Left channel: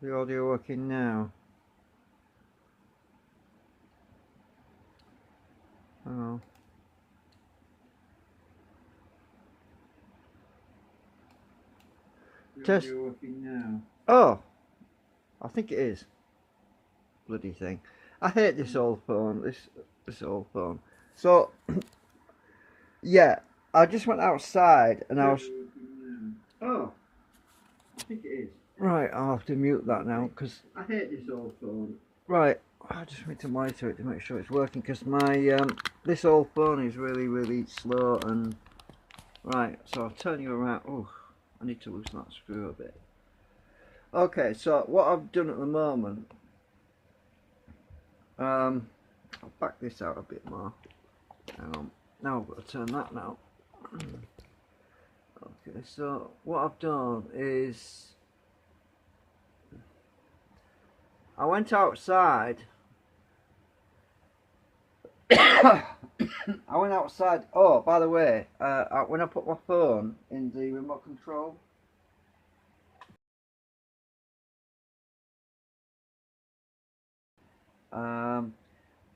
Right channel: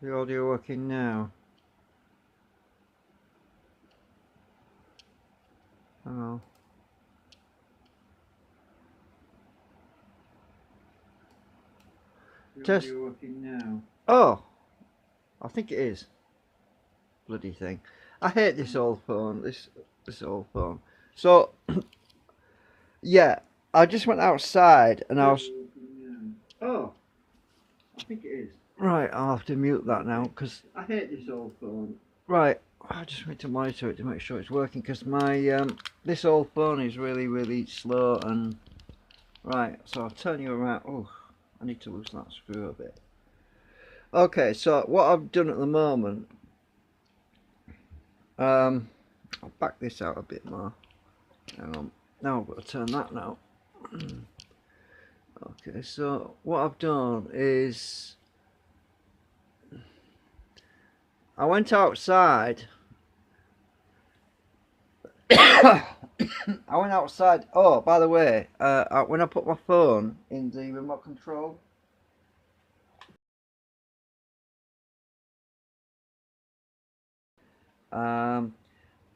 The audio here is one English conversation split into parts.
The audio working now? Oh. Test. Working now? Oh, I think it is. Bloody thing. I hate this old phone. This old phone. So yeah, I just went outside and I was. Oh, I think it is. Right, I'll have to mute that now because I hate this old phone. Right, I just need to monitor it to make sure it's working because my this old phone is really slow and right. So I'll turn you around. Oh, I need to loosen that screw a bit. Okay, so what I've done at the moment, I'll back this out a bit more. Hang on. Now I've got to turn that now. Okay, so what I've done is I went outside. I went outside. Oh, by the way, when I put my phone in the remote control,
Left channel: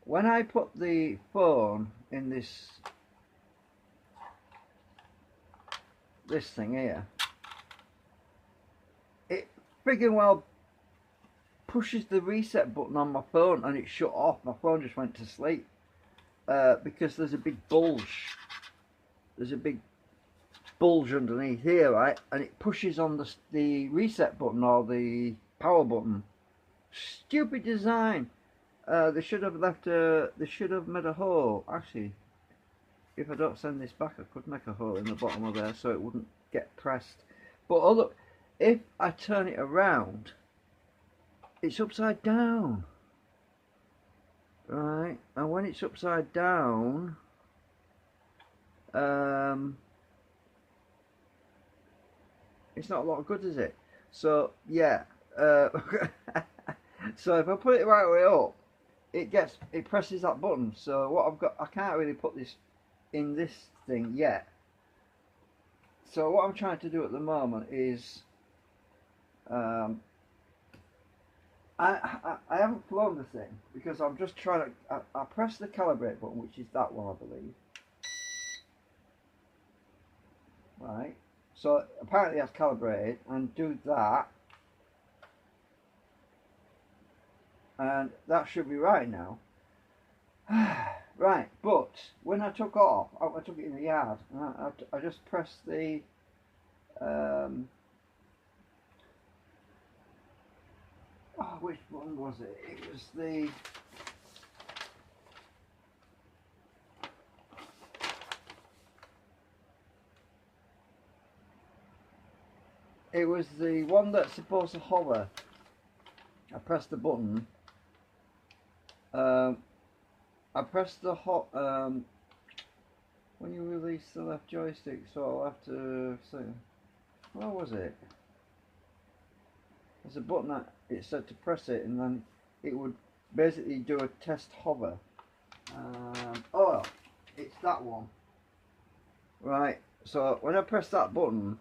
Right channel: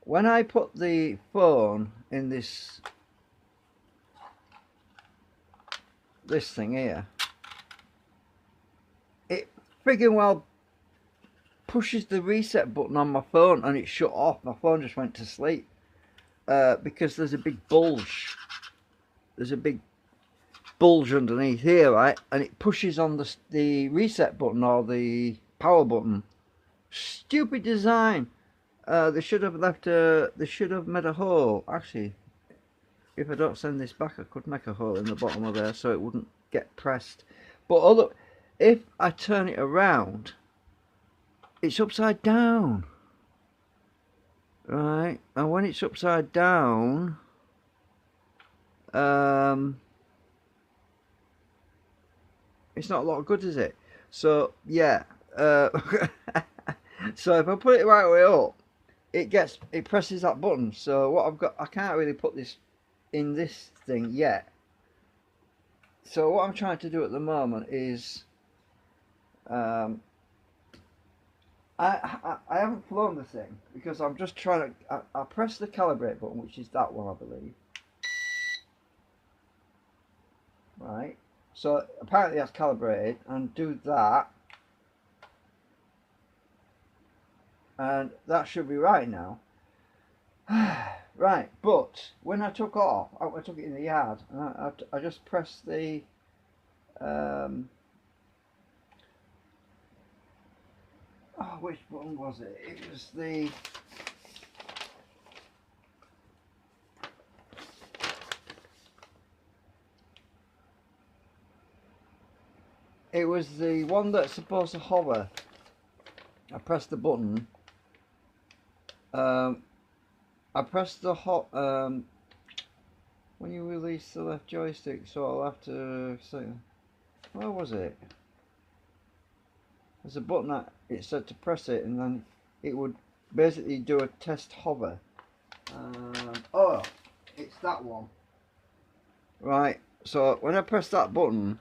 when I put the phone in this thing here, it friggin' well pushes the reset button on my phone and it shut off. My phone just went to sleep because there's a big bulge. There's a big bulge underneath here, right? And it pushes on the reset button or the power button. Stupid design. They should have left a. They should have made a hole. Actually, if I don't send this back, I could make a hole in the bottom of there so it wouldn't get pressed. But if I turn it around, it's upside down. Right, and when it's upside down, it's not a lot of good, is it? So yeah, so if I put it right way up, it presses that button. So what I've got, I can't really put this in this thing yet. So what I'm trying to do at the moment is, I haven't flown the thing because I'm just trying to. I press the calibrate button, which is that one, I believe. Right. So apparently that's calibrated, and do that, and that should be right now. Right, but when I took off, I took it in the yard, and I just pressed the. Oh, which button was it? It was the. It was the one that's supposed to hover. I pressed the button. I pressed the when you release the left joystick, so I'll have to say, where was it? There's a button that it said to press it, and then it would basically do a test hover. Oh, it's that one. Right. So when I press that button,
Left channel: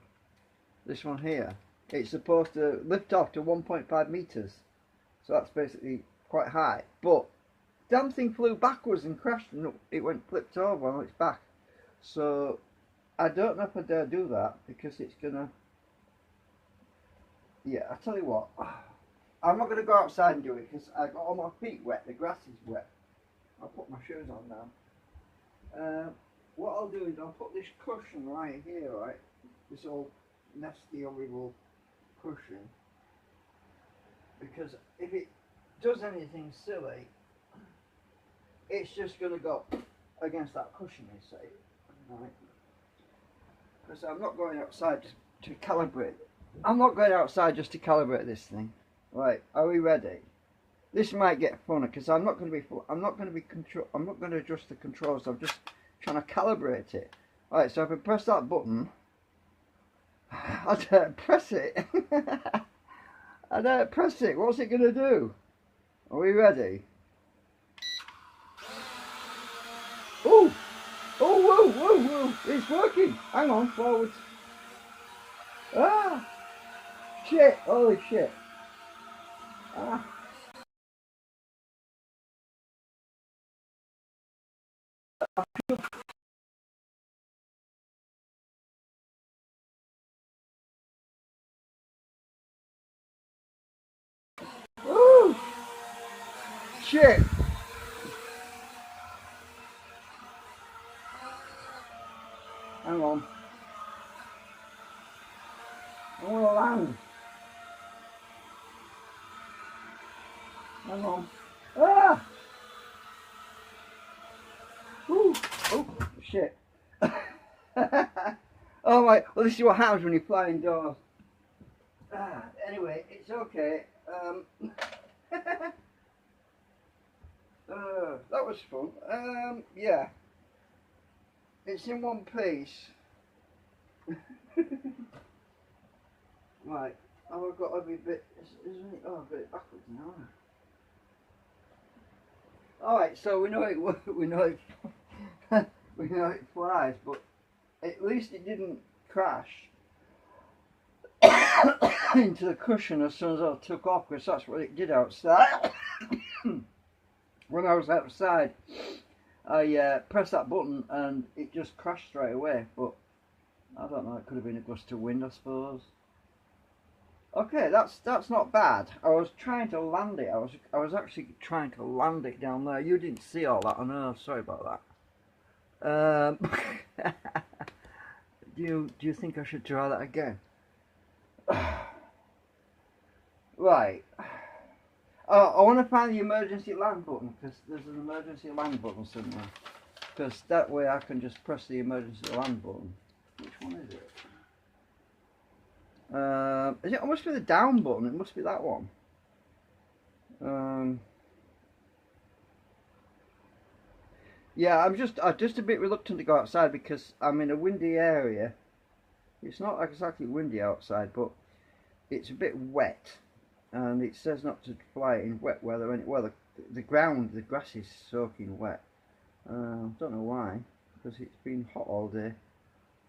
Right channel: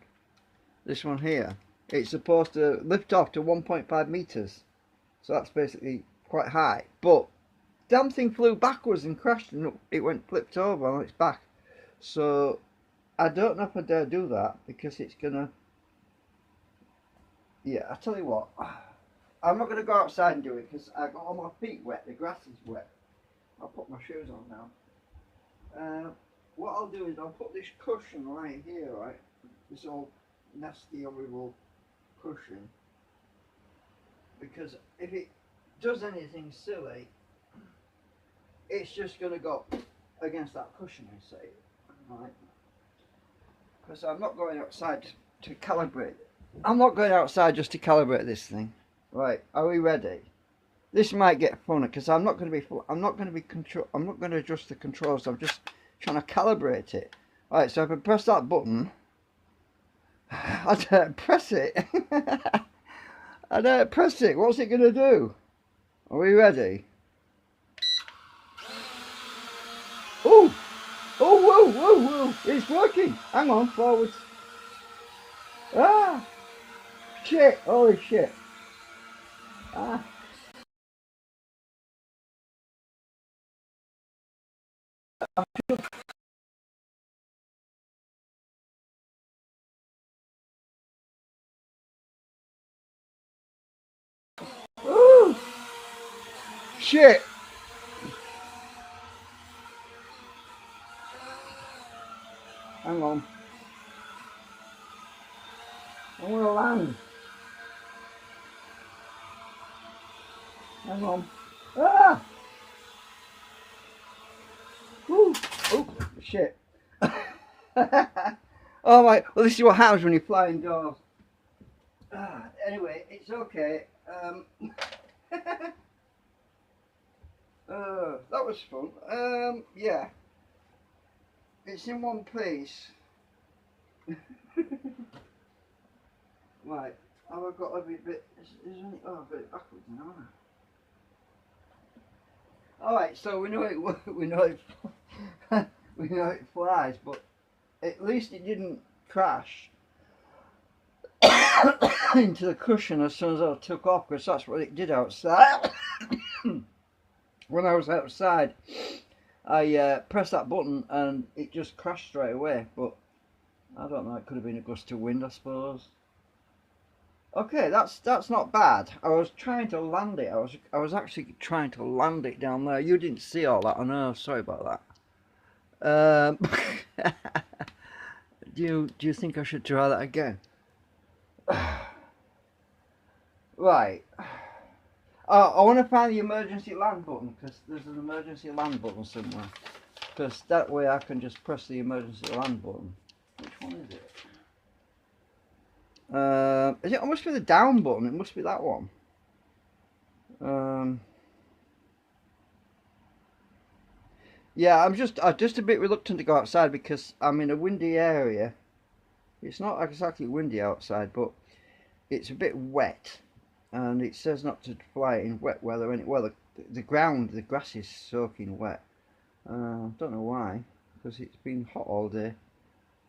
this one here, it's supposed to lift off to 1.5 meters. So that's basically quite high. But damn thing flew backwards and crashed, and it went flipped over on its back. So I don't know if I dare do that because it's gonna. Yeah, I tell you what, I'm not gonna go outside and do it because I got all my feet wet. The grass is wet. I'll put my shoes on now. What I'll do is I'll put this cushion right here, right? This old nasty, horrible cushion. Because if it does anything silly, it's just going to go against that cushion, you see. Right? Because I'm not going outside to calibrate. I'm not going outside just to calibrate this thing. Right, are we ready? This might get funny because I'm not going to adjust the controls. I'm just trying to calibrate it. Right, so if I press that button, I don't press it. I don't press it. What's it going to do? Are we ready? Oh! Oh, whoa, whoa, whoa! It's working! Hang on, forwards. Ah! Shit! Holy shit! Ah. Woo! Shit! Hang on. I'm gonna land. Hang on. Ah! Woo! Oh, shit. Oh my, well this is what happens when you fly indoors. Anyway, it's okay. That was fun. Yeah. It's in one piece. Right. Oh, I've got a bit. Oh, a bit backwards now. All right. So we know it. We know it. We know it flies, but at least it didn't crash into the cushion as soon as I took off, because that's what it did outside. When I was outside, I pressed that button and it just crashed straight away. But I don't know. It could have been a gust of wind, I suppose. Okay, that's not bad. I was trying to land it. I was actually trying to land it down there. You didn't see all that. I know. Sorry about that. Do you think I should try that again? Right. I want to find the emergency land button, because there's an emergency land button somewhere. Because that way I can just press the emergency land button. Which one is it? It must be the down button. It must be that one. Yeah, I'm just a bit reluctant to go outside because I'm in a windy area. It's not exactly windy outside, but it's a bit wet, and it says not to fly in wet weather. And well, the ground, the grass is soaking wet. Don't know why, because it's been hot all day.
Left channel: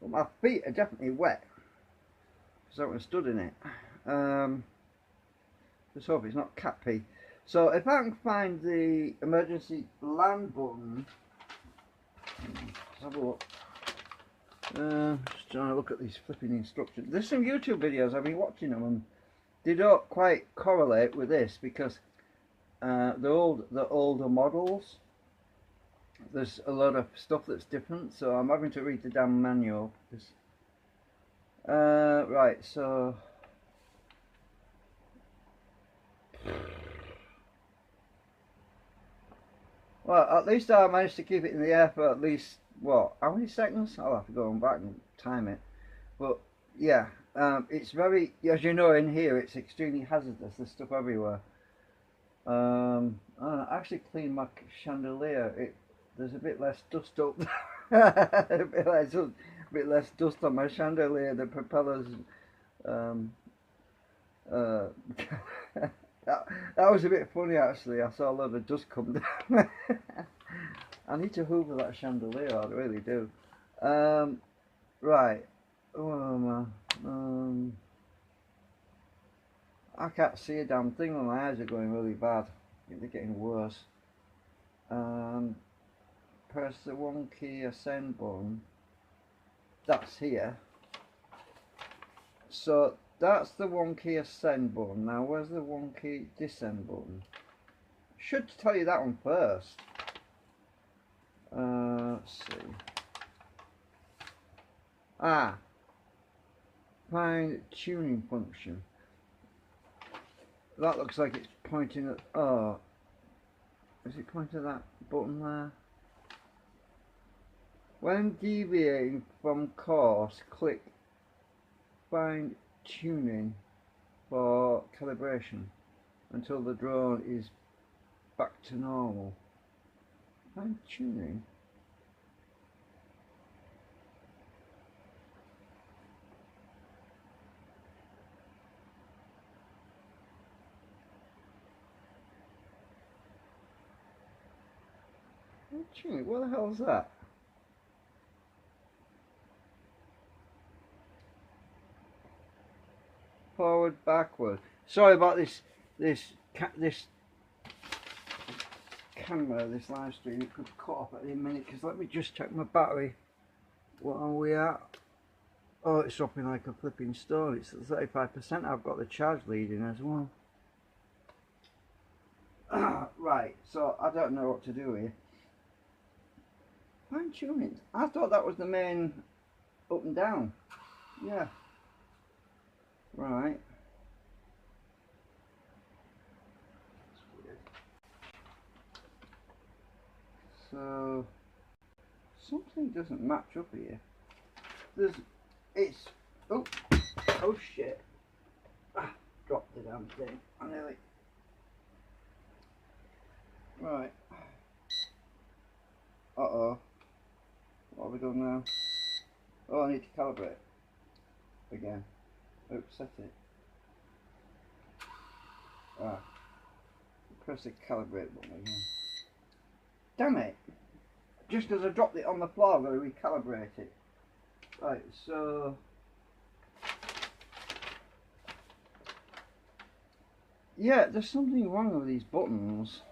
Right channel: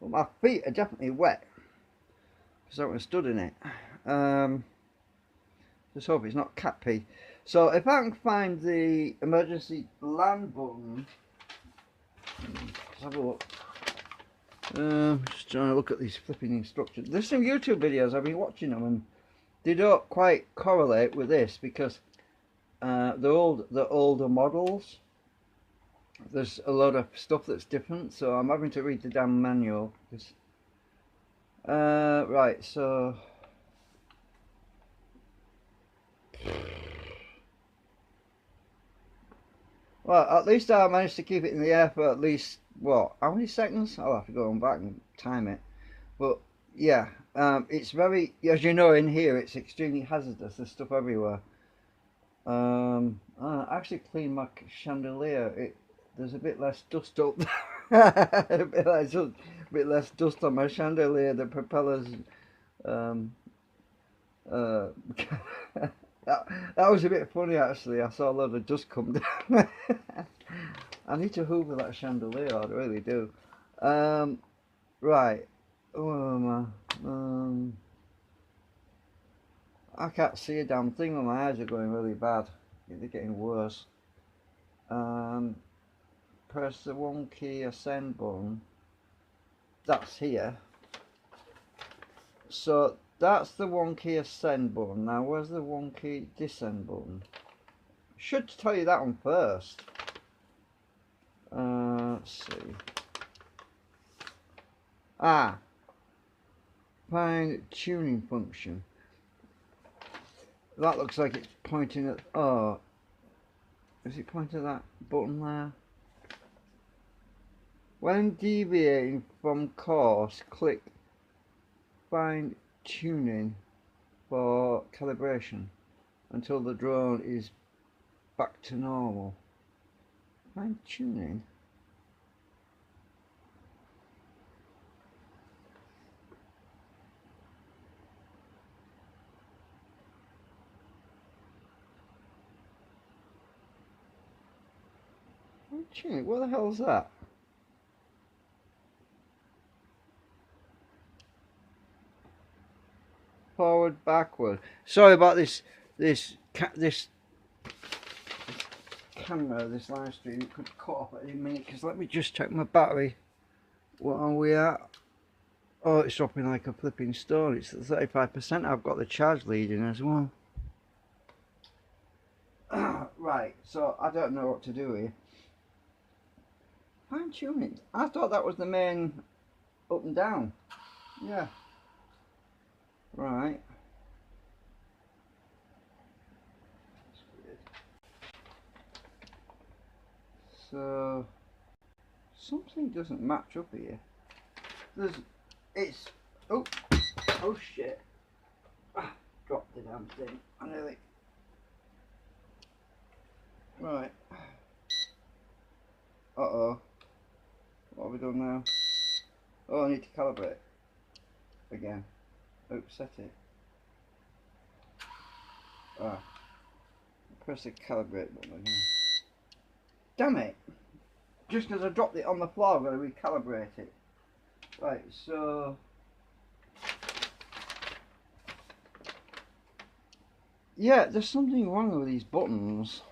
But my feet are definitely wet because I haven't stood in it. Just hope it's not cat pee. So if I can find the emergency land button, let's have a look. Just trying to look at these flipping instructions. There's some YouTube videos, I've been watching them, and they don't quite correlate with this because the older models, there's a lot of stuff that's different, so I'm having to read the damn manual. Right, so well, at least I managed to keep it in the air for at least, what, how many seconds? I'll have to go on back and time it. But yeah, it's very, as you know, in here it's extremely hazardous. There's stuff everywhere. I actually cleaned my chandelier. There's a bit less dust up. a bit less dust on my chandelier. The propellers. Um, uh, that was a bit funny actually. I saw a lot of dust come down. I need to hoover that chandelier. I really do. Right. Oh, I can't see a damn thing when my eyes are going really bad. They're getting worse. Press the 1 key ascend button. That's here. So that's the 1 key ascend button. Now where's the 1 key descend button? Should tell you that one first. Let's see. Find tuning function. That looks like it's pointing at, oh, is it pointing at that button there? When deviating from course, click find tuning for calibration until the drone is back to normal. Find tuning? Tuning? What the hell is that? Forward, backward. Sorry about this this camera, this live stream, it could cut off at any minute, because let me just check my battery. What are we at? Oh, it's dropping like a flipping stone. It's at 35%. I've got the charge leading as well. Right, so I don't know what to do here. Fine tuning. I thought that was the main up and down. Yeah. Right. That's weird. So something doesn't match up here. Oh shit. Dropped the damn thing. I nearly. Right. Uh-oh. What have we done now? Oh, I need to calibrate again. Oops, set it. Press the calibrate button again. Damn it! Just as I dropped it on the floor, I'm going to recalibrate it. Right, so yeah, there's something wrong with these buttons.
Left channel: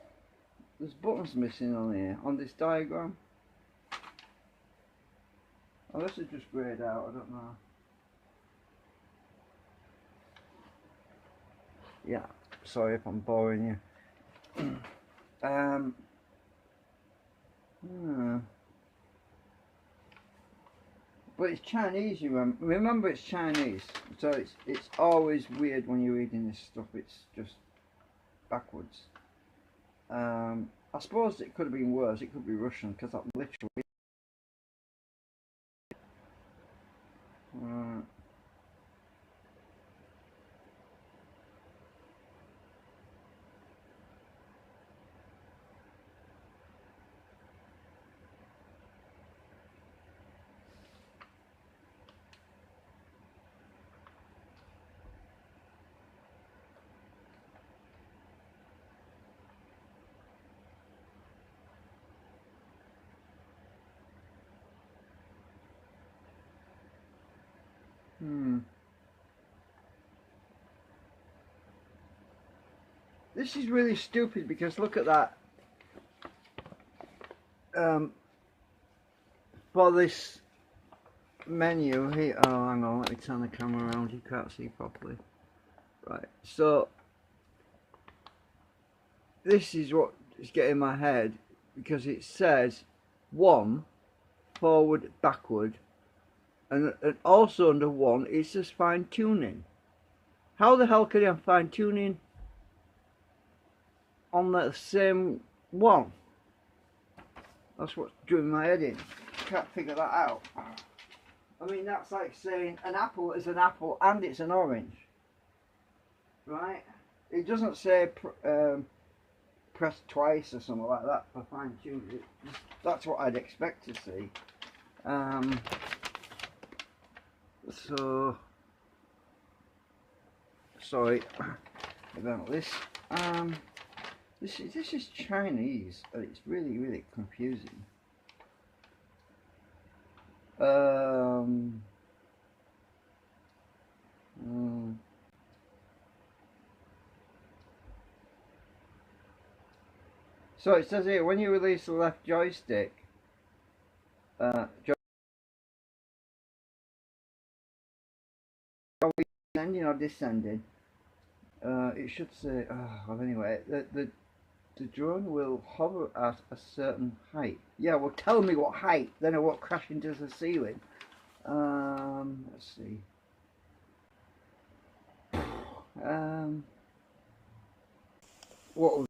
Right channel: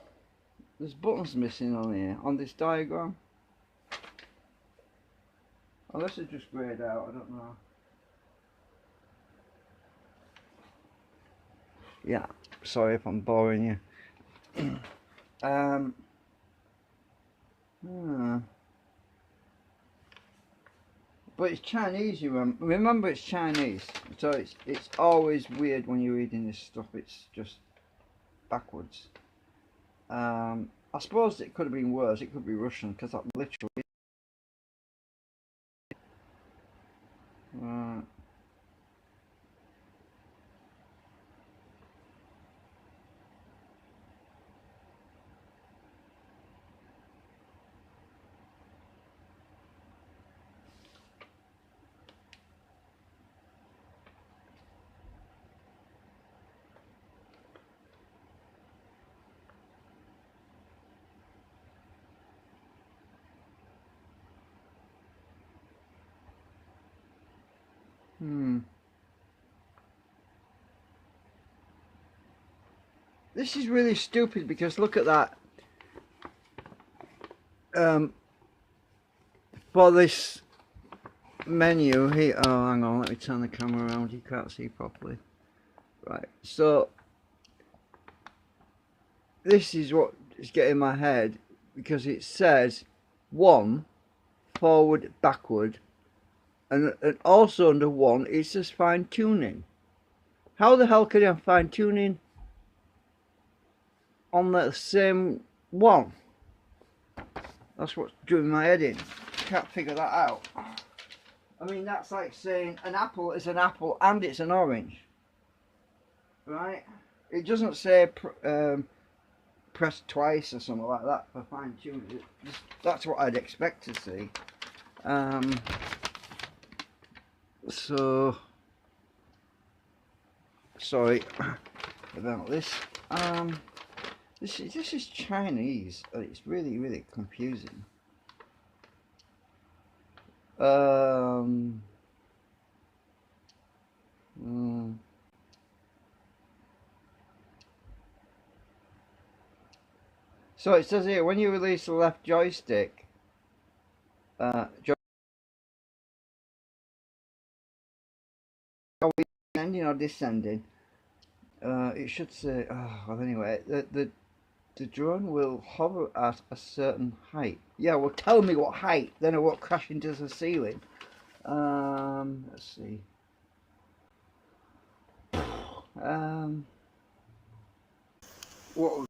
There's buttons missing on here, on this diagram. Unless it's just greyed out, I don't know. Yeah, sorry if I'm boring you. But it's Chinese, you remember it's Chinese, so it's always weird when you're reading this stuff. It's just backwards. I suppose it could have been worse. It could be Russian, because that literally. This is really stupid, because look at that. For this menu here, oh hang on, let me turn the camera around, you can't see properly. Right, so this is what is getting my head, because it says 1 forward backward, and also under 1 it says fine tuning. How the hell can I fine tuning on the same one? That's what's doing my head in. Can't figure that out. I mean, that's like saying an apple is an apple and it's an orange, right? It doesn't say press twice or something like that for fine tuning. That's what I'd expect to see. So sorry about this. This is Chinese, and it's really confusing. So it says here, when you release the left joystick, ascending or descending, it should say, oh, well anyway, the drone will hover at a certain height. Yeah, well tell me what height, then it won't crash into the ceiling. Let's see. What?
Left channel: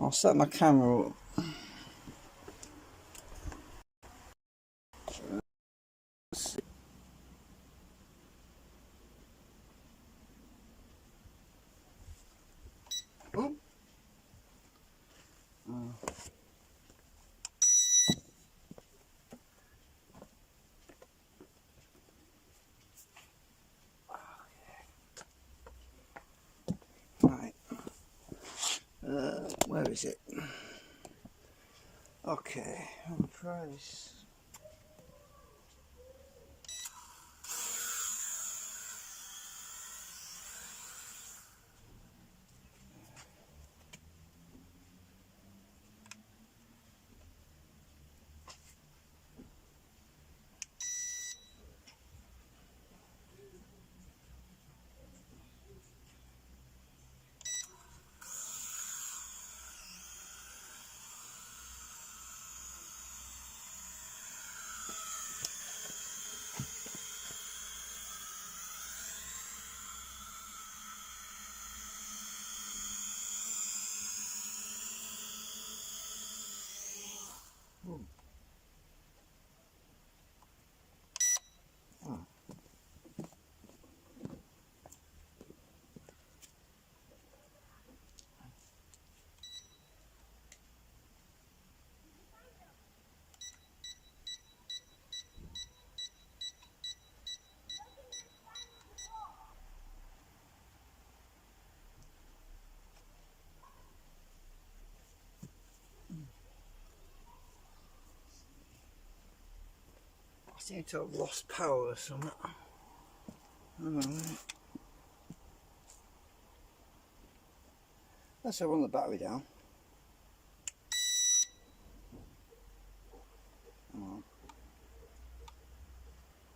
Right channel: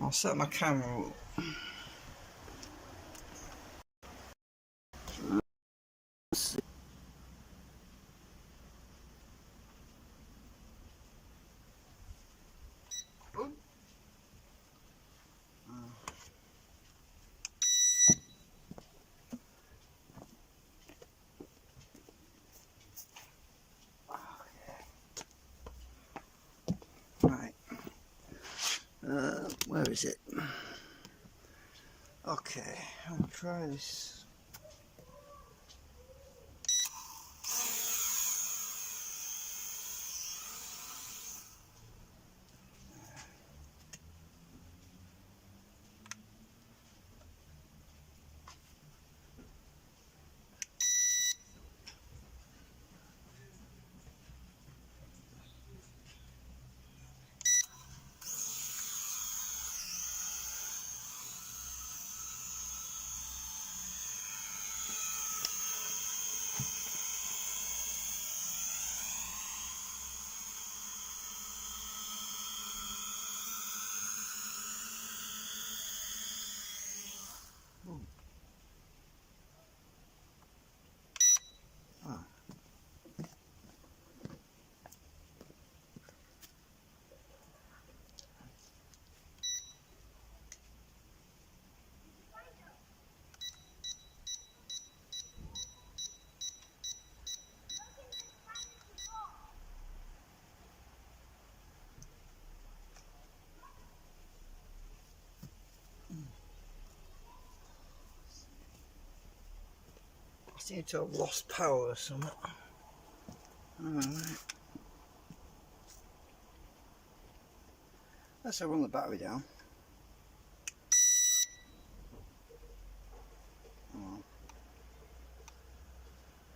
I'll set my camera up. Let's see. Oh. Right. Where is it? Okay, I'll try this. seem to have lost power or something. Alright. Let's run the battery down. Come on.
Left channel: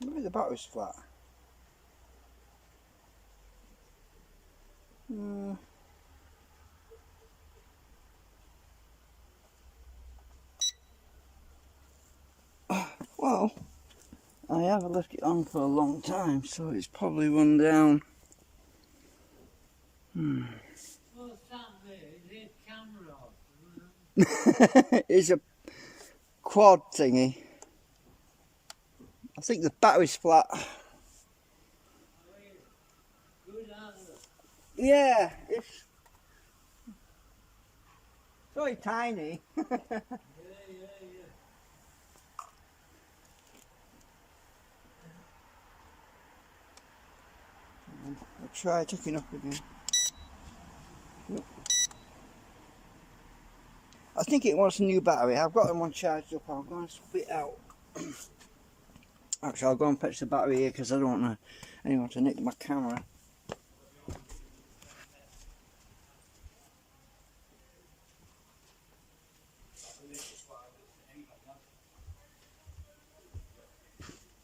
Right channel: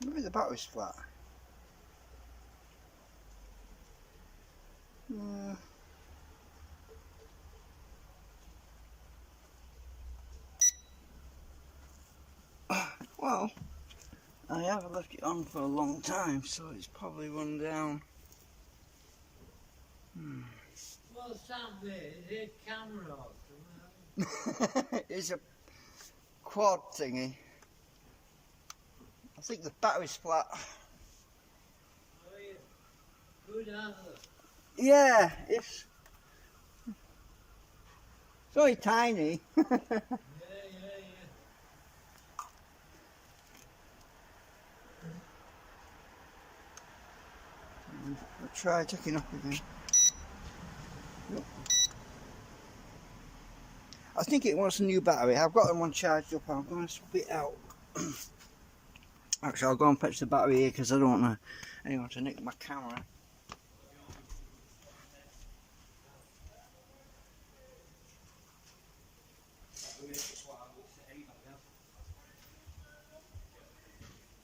Maybe the battery's flat. Well, I have left it on for a long time, so it's probably run down. What's that there? Is it camera or something? It's a quad thingy. I think the battery's flat. Oh, yeah. Good answer. Yeah, it's only tiny. Yeah. I'll try taking off again. Nope. I think it wants a new battery. I've got them on charged up. I'm going to swap it out. Actually, I'll go and fetch the battery here because I don't want anyone to nick my camera.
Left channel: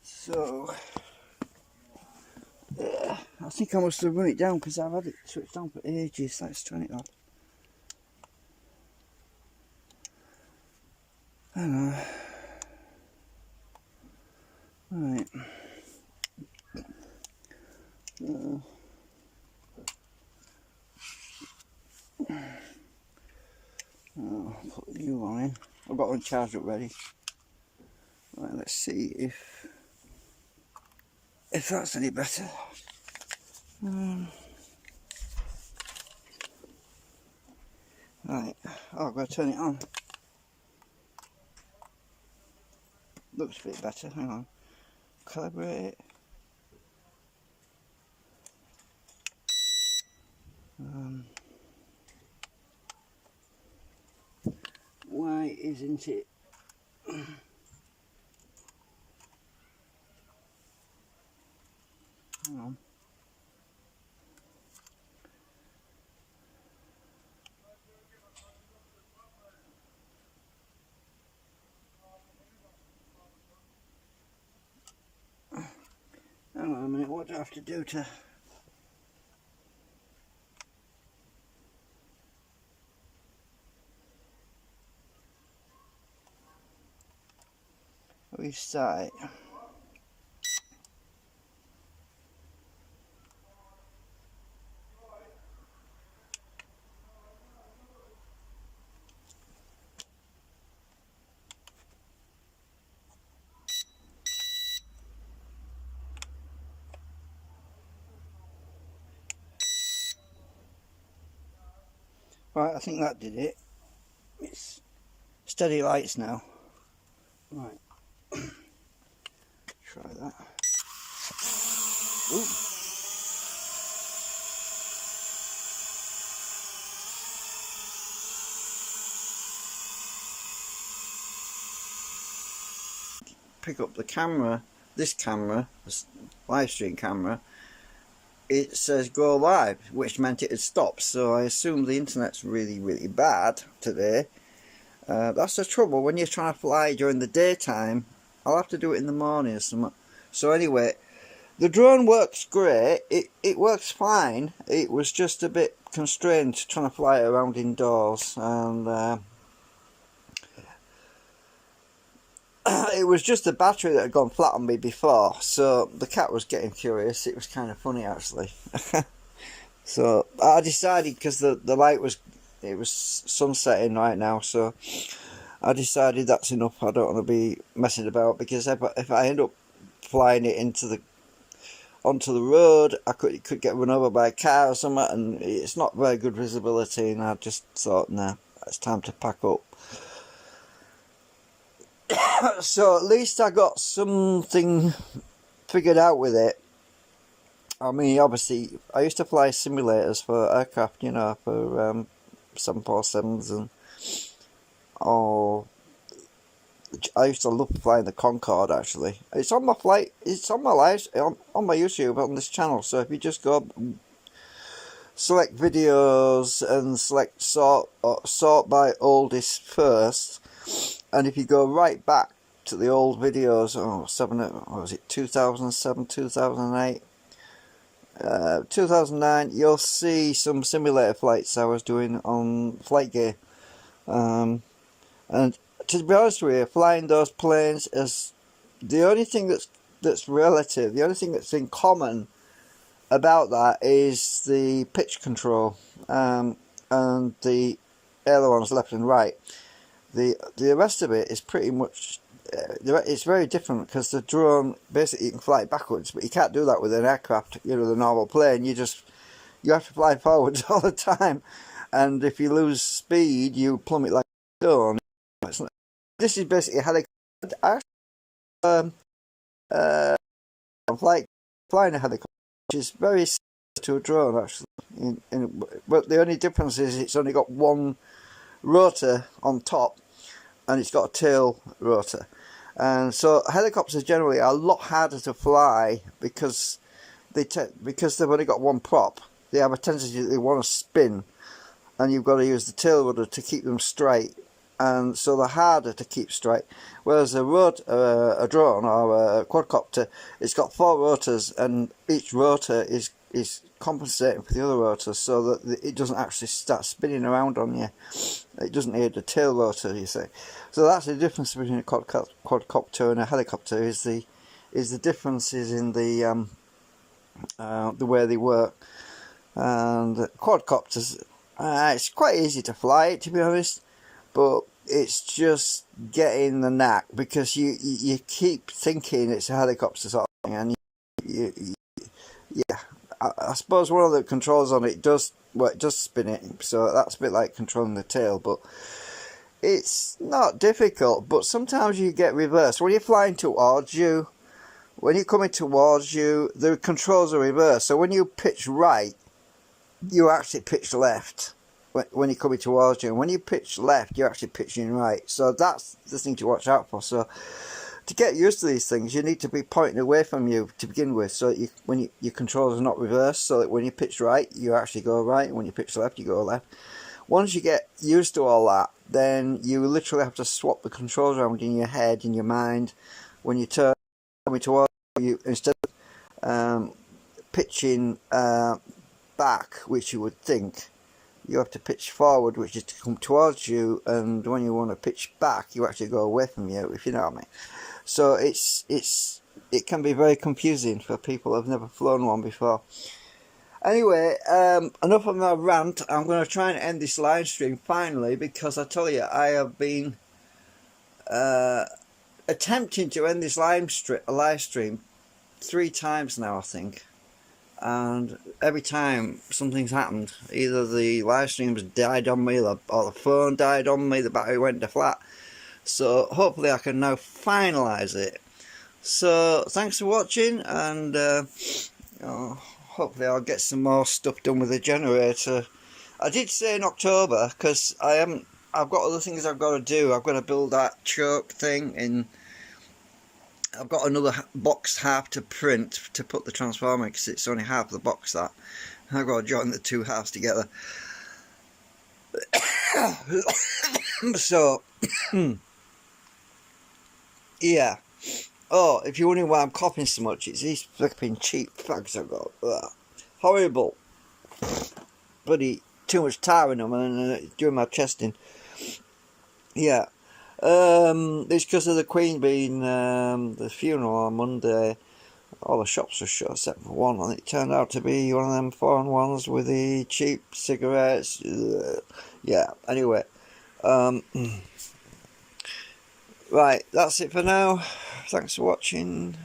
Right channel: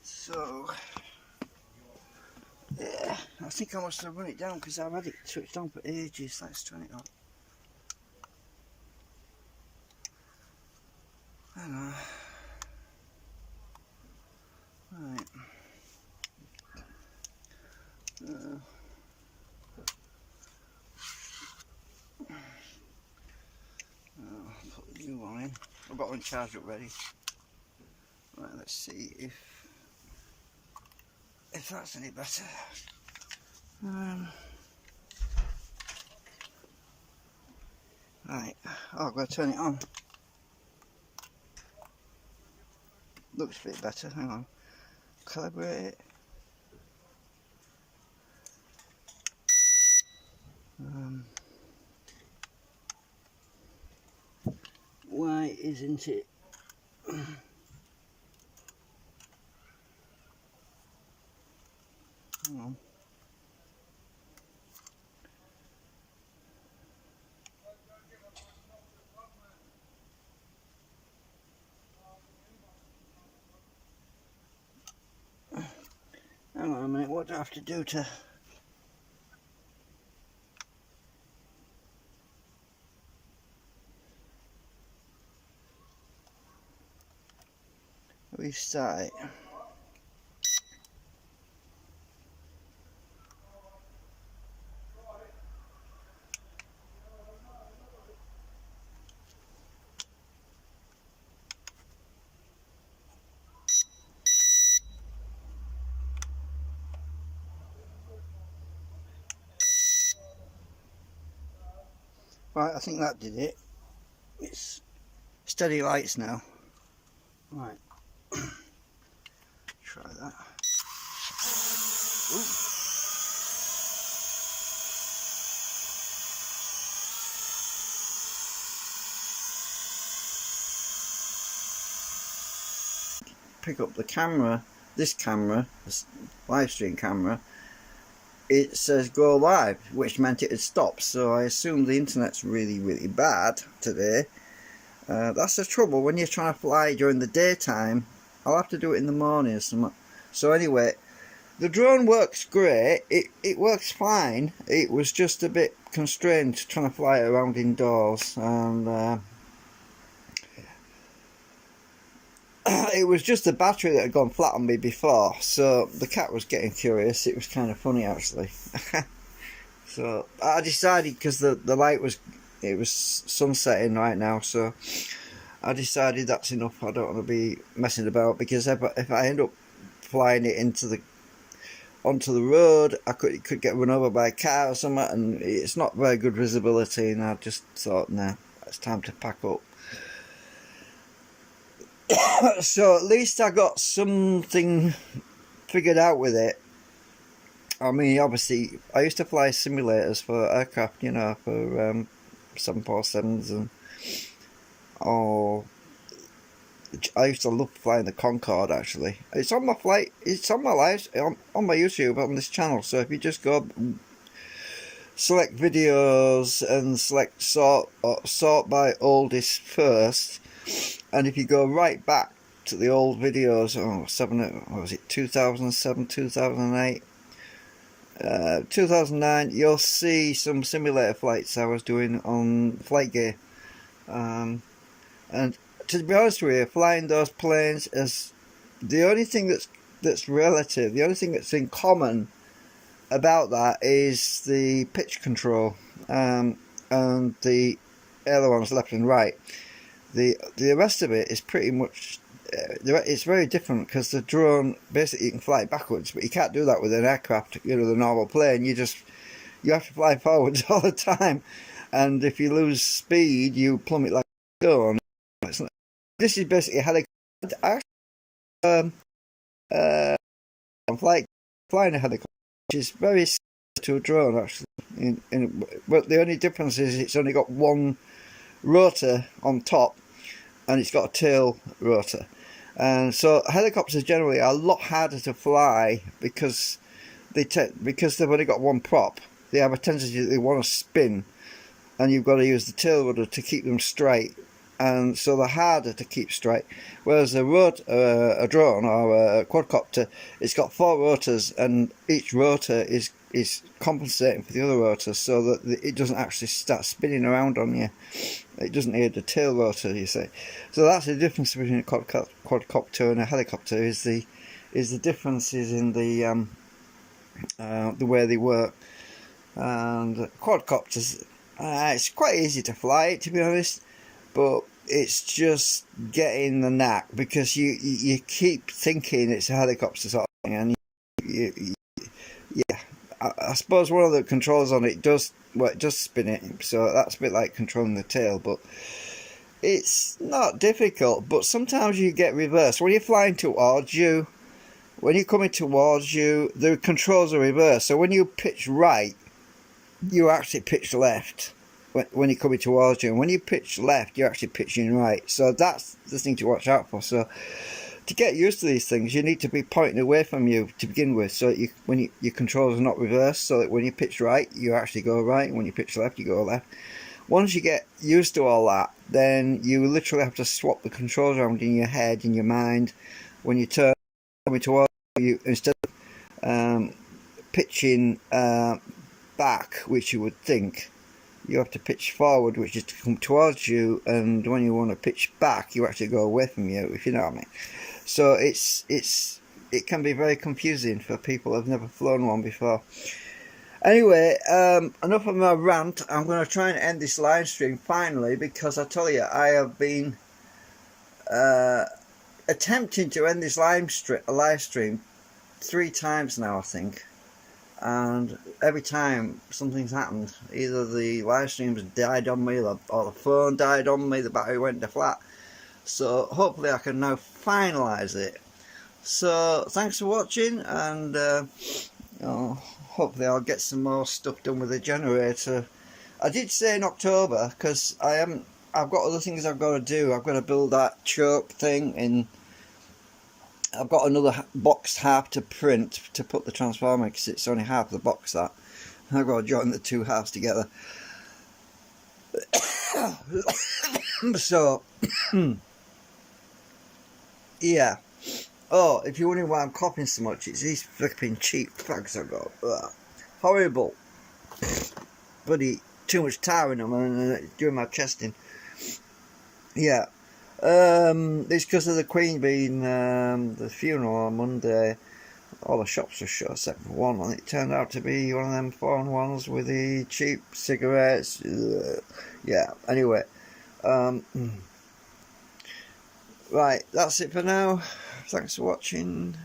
So, yeah, I think I must have run it down because I've had it switched on for ages. Let's turn it off. I don't know. Right. I'll put the new one in. I've got one charged up ready. Right, let's see if that's any better. Right, I've got to turn it on. Looks a bit better. Hang on. Calibrate it. Why isn't it? Hang on. Hang on a minute, what do I have to do to... restart it? Right, I think that did it. It's steady lights now. Right. Try that. Ooh. Pick up the camera, this live stream camera, it says go live, which meant it had stopped, so I assume the internet's really bad today. That's the trouble when you're trying to fly during the daytime. I'll have to do it in the morning or something. So anyway, the drone works great, it works fine. It was just a bit constrained trying to fly it around indoors, and it was just the battery that had gone flat on me before, so the cat was getting curious. It was kind of funny actually. So I decided, because the light was, it was sunsetting right now, so I decided that's enough. I don't want to be messing about, because if I end up flying it onto the road, it could get run over by a car or something, and it's not very good visibility, and I just thought, nah, it's time to pack up. So at least I got something figured out with it. I mean, obviously, I used to fly simulators for aircraft, you know, for 747s and I used to love flying the Concorde. Actually, it's on my flight. It's on my live on my YouTube on this channel. So if you just go select videos and select sort by oldest first, and if you go right back to the old videos, what was it, 2007, 2008, 2009, you'll see some simulator flights I was doing on Flight Gear. And to be honest with you, flying those planes is the only thing that's relative, the only thing that's in common about that is the pitch control, and the ailerons left and right. The rest of it is pretty much it's very different, because the drone basically you can fly it backwards, but you can't do that with an aircraft. The normal plane, you have to fly forwards all the time, and if you lose speed, you plummet like a stone. This is basically a helicopter. I'm flying a helicopter, which is very similar to a drone actually. But the only difference is it's only got one rotor on top, and it's got a tail rotor. And so helicopters generally are a lot harder to fly because they've only got one prop. They have a tendency they want to spin, and you've got to use the tail rudder to keep them straight. And so they're harder to keep straight. Whereas a drone or a quadcopter, it's got 4 rotors, and each rotor is compensating for the other rotors, so that it doesn't actually start spinning around on you. It doesn't need a tail rotor, you see. So that's the difference between a quadcopter and a helicopter. Is the differences in the way they work. And quadcopters, it's quite easy to fly, to be honest, but it's just getting the knack, because you keep thinking it's a helicopter sort of thing, and yeah. I suppose one of the controls on it does spin it, so that's a bit like controlling the tail, but it's not difficult. But sometimes you get reversed when you're flying towards you. When you're coming towards you, the controls are reversed. So when you pitch right, you actually pitch left when you're coming towards you, and when you pitch left, you're actually pitching right. So that's the thing to watch out for. So to get used to these things, you need to be pointing away from you to begin with, so that your controls are not reversed, so that when you pitch right, you actually go right, and when you pitch left, you go left. Once you get used to all that, then you literally have to swap the controls around in your head, in your mind. When you turn coming towards you, instead of pitching back, which you would think, you have to pitch forward, which is to come towards you, and when you want to pitch back, you actually go away from you, if you know what I mean. So it can be very confusing for people who've never flown one before. Anyway, enough of my rant. I'm going to try and end this live stream finally, because I tell you, I have been attempting to end this live stream 3 times now, I think. And every time something's happened, either the live stream's died on me, or the phone died on me, the battery went to flat. So hopefully I can now finalise it. So thanks for watching, and hopefully I'll get some more stuff done with the generator. I did say in October, because I've got other things I've got to do. I've got to build that choke thing, and I've got another box half to print to put the transformer, because it's only half the box that. I've got to join the 2 halves together. So yeah. Oh, if you're wondering why I'm coughing so much, it's these flipping cheap fags I've got. Ugh. Horrible. Bloody too much tar in them, and doing my testing. Yeah. It's because of the Queen being the funeral on Monday. All the shops were shut except for one, and it turned out to be one of them foreign ones with the cheap cigarettes. Ugh. Yeah. Anyway. Right, that's it for now. Thanks for watching.